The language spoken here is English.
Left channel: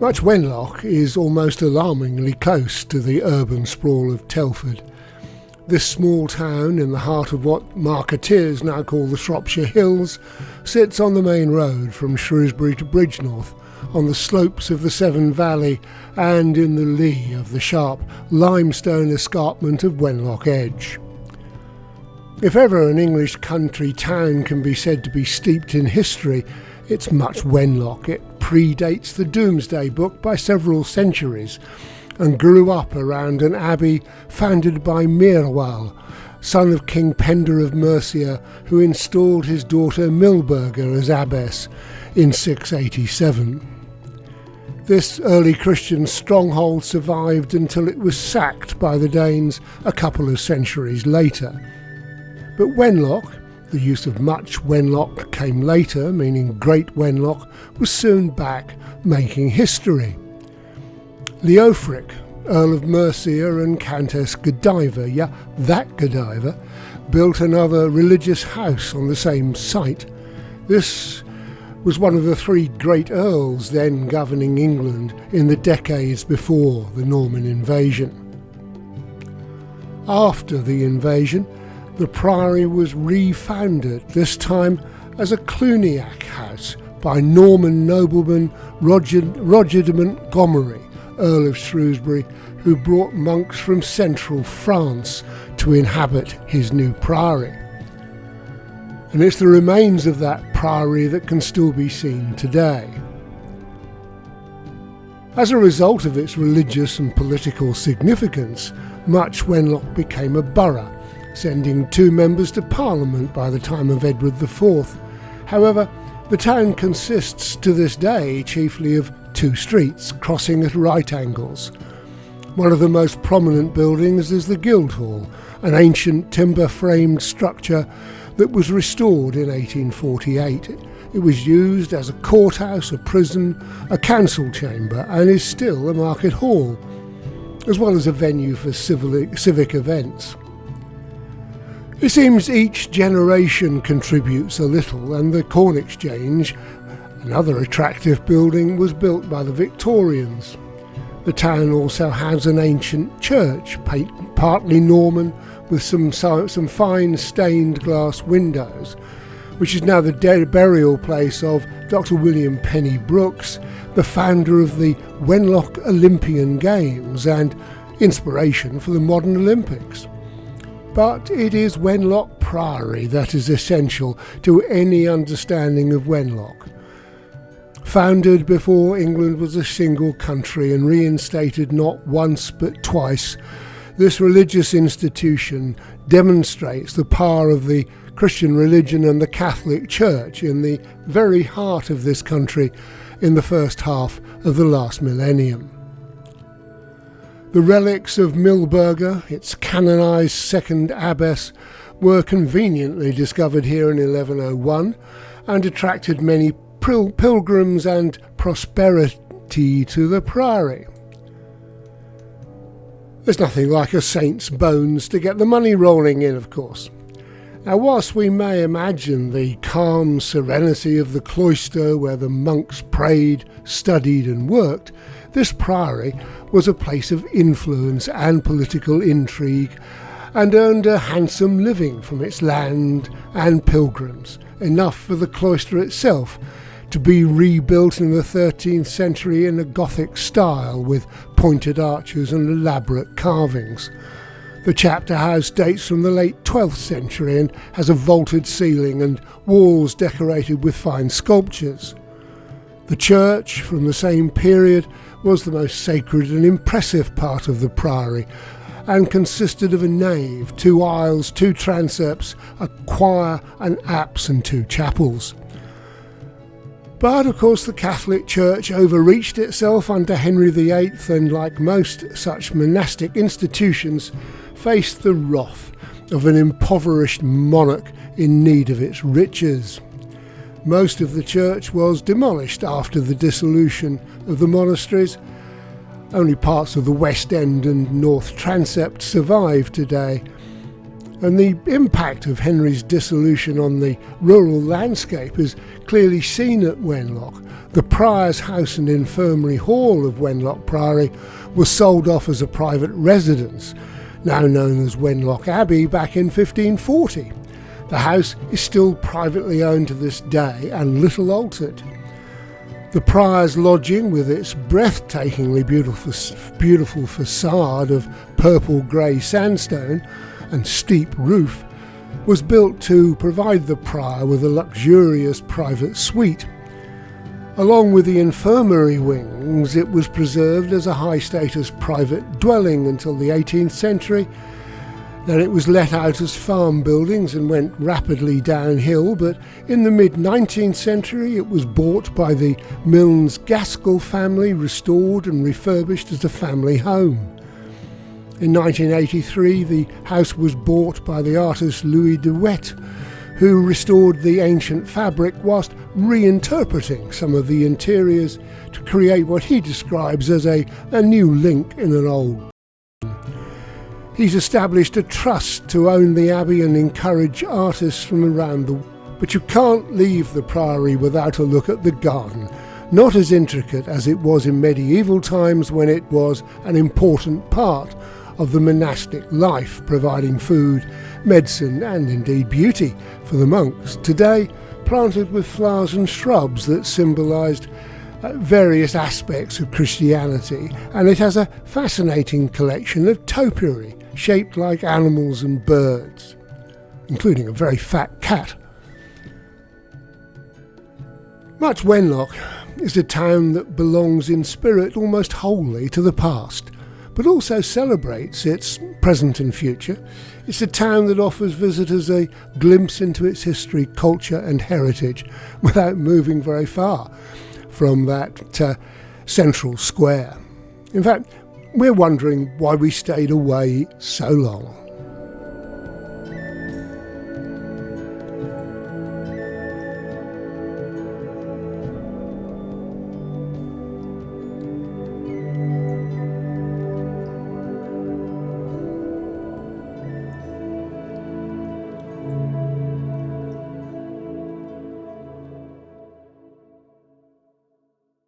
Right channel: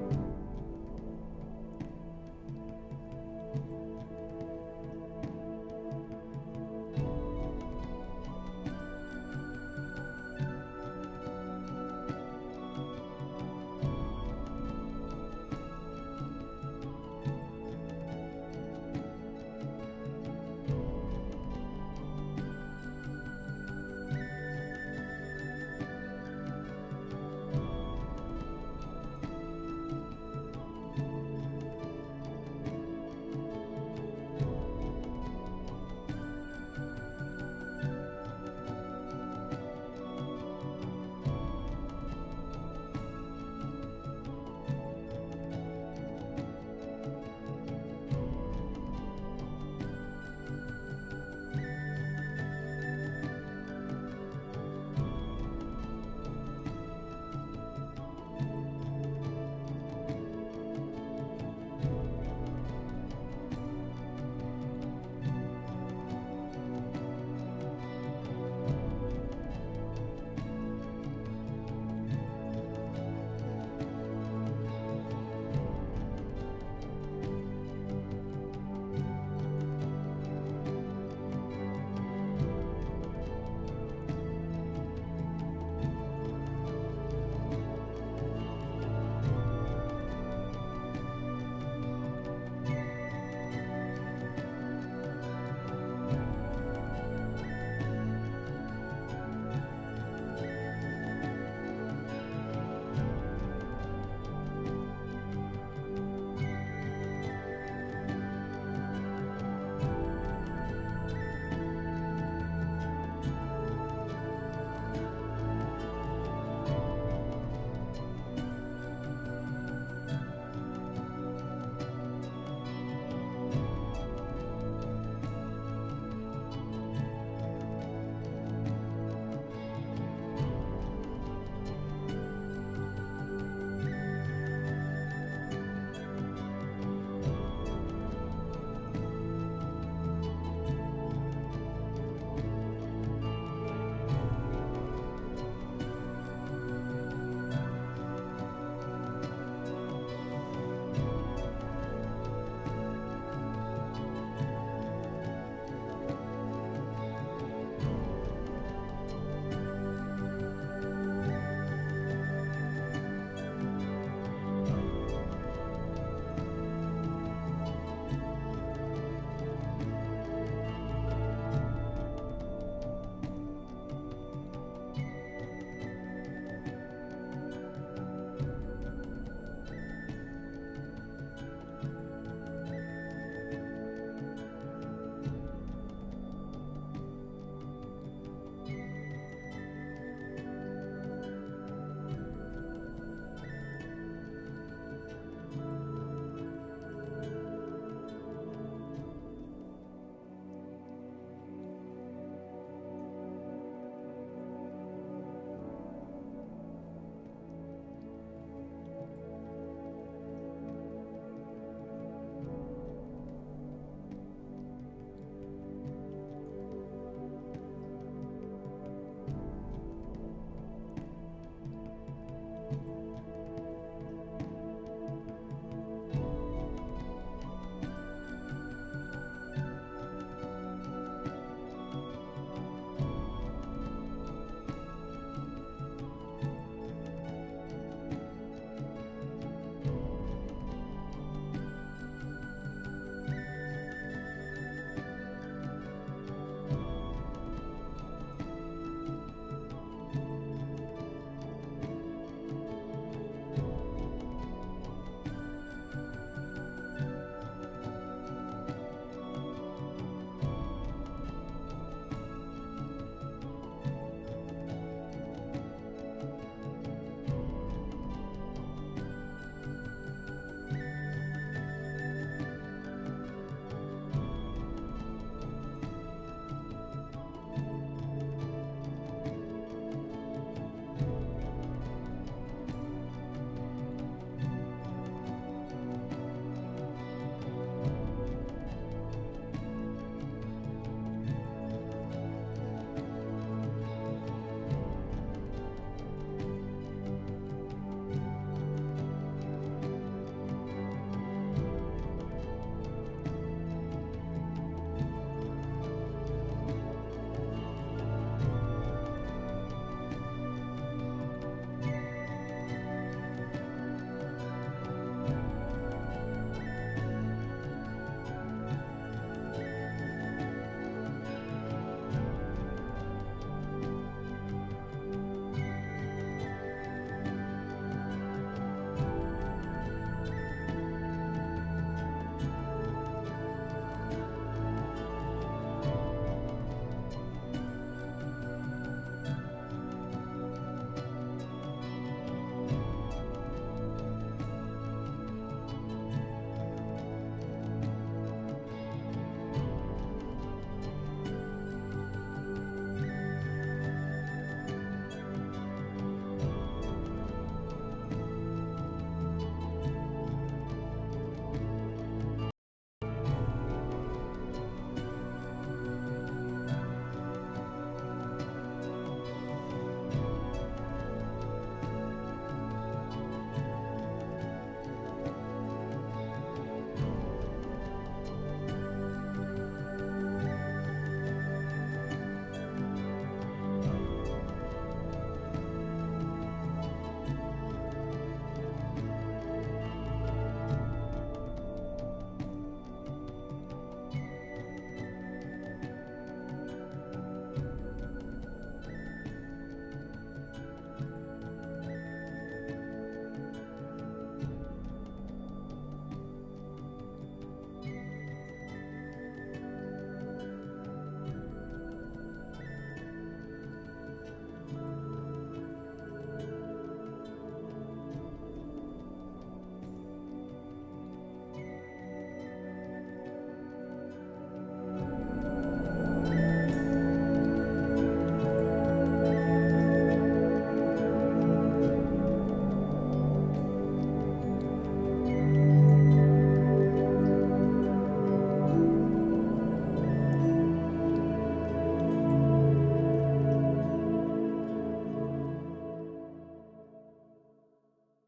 Much Wenlock is almost alarmingly close to the urban sprawl of Telford. This small town in the heart of what marketeers now call the Shropshire Hills sits on the main road from Shrewsbury to Bridgenorth, on the slopes of the Severn Valley and in the lee of the sharp limestone escarpment of Wenlock Edge. If ever an English country town can be said to be steeped in history, it's Much Wenlock. It predates the Domesday Book by several centuries and grew up around an abbey founded by Merewalh, son of King Penda of Mercia, who installed his daughter Milburga as abbess in 687. This early Christian stronghold survived until it was sacked by the Danes a couple of centuries later. But Wenlock, the use of Much Wenlock came later, meaning Great Wenlock, was soon back making history. Leofric, Earl of Mercia and Countess Godiva, that Godiva, built another religious house on the same site. This was one of the three great earls then governing England in the decades before the Norman invasion. After the invasion, the Priory was refounded, this time as a Cluniac house by Norman nobleman Roger de Montgomery, Earl of Shrewsbury, who brought monks from central France to inhabit his new priory. And it's the remains of that priory that can still be seen today. As a result of its religious and political significance, Much Wenlock became a borough, sending 2 members to Parliament by the time of Edward IV. However, the town consists to this day chiefly of 2 streets crossing at right angles. One of the most prominent buildings is the Guildhall, an ancient timber-framed structure that was restored in 1848. It was used as a courthouse, a prison, a council chamber, and is still a market hall, as well as a venue for civic events. It seems each generation contributes a little, and the Corn Exchange, another attractive building, was built by the Victorians. The town also has an ancient church, partly Norman, with some fine stained glass windows, which is now the burial place of Dr. William Penny Brooks, the founder of the Wenlock Olympian Games and inspiration for the modern Olympics. But it is Wenlock Priory that is essential to any understanding of Wenlock. Founded before England was a single country and reinstated not once but twice, this religious institution demonstrates the power of the Christian religion and the Catholic Church in the very heart of this country in the first half of the last millennium. The relics of Milburga, its canonised second abbess, were conveniently discovered here in 1101 and attracted many pilgrims and prosperity to the Priory. There's nothing like a saint's bones to get the money rolling in, of course. Now, whilst we may imagine the calm serenity of the cloister where the monks prayed, studied and worked, this priory was a place of influence and political intrigue and earned a handsome living from its land and pilgrims, enough for the cloister itself to be rebuilt in the 13th century in a Gothic style with pointed arches and elaborate carvings. The chapter house dates from the late 12th century and has a vaulted ceiling and walls decorated with fine sculptures. The church, from the same period, was the most sacred and impressive part of the priory and consisted of a nave, 2 aisles, 2 transepts, a choir, an apse and 2 chapels. But of course the Catholic Church overreached itself under Henry VIII and, like most such monastic institutions, faced the wrath of an impoverished monarch in need of its riches. Most of the church was demolished after the dissolution of the monasteries. Only parts of the west end and north transept survive today. And the impact of Henry's dissolution on the rural landscape is clearly seen at Wenlock. The Prior's house and infirmary hall of Wenlock Priory was sold off as a private residence, now known as Wenlock Abbey, back in 1540. The house is still privately owned to this day and little altered. The Prior's lodging, with its breathtakingly beautiful facade of purple-grey sandstone and steep roof, was built to provide the Prior with a luxurious private suite. Along with the infirmary wings, it was preserved as a high-status private dwelling until the 18th century. Then it was let out as farm buildings and went rapidly downhill, but in the mid-19th century it was bought by the Milnes Gaskell family, restored and refurbished as a family home. In 1983 the house was bought by the artist Louis de Wet, who restored the ancient fabric whilst reinterpreting some of the interiors to create what he describes as a new link in an old. He's established a trust to own the Abbey and encourage artists from around the world. But you can't leave the Priory without a look at the garden. Not as intricate as it was in medieval times, when it was an important part of the monastic life, providing food, medicine and indeed beauty for the monks. Today, planted with flowers and shrubs that symbolised various aspects of Christianity, and it has a fascinating collection of topiary shaped like animals and birds, including a very fat cat. Much Wenlock is a town that belongs in spirit almost wholly to the past, but also celebrates its present and future. It's a town that offers visitors a glimpse into its history, culture and heritage without moving very far from that central square. In fact, we're wondering why we stayed away so long.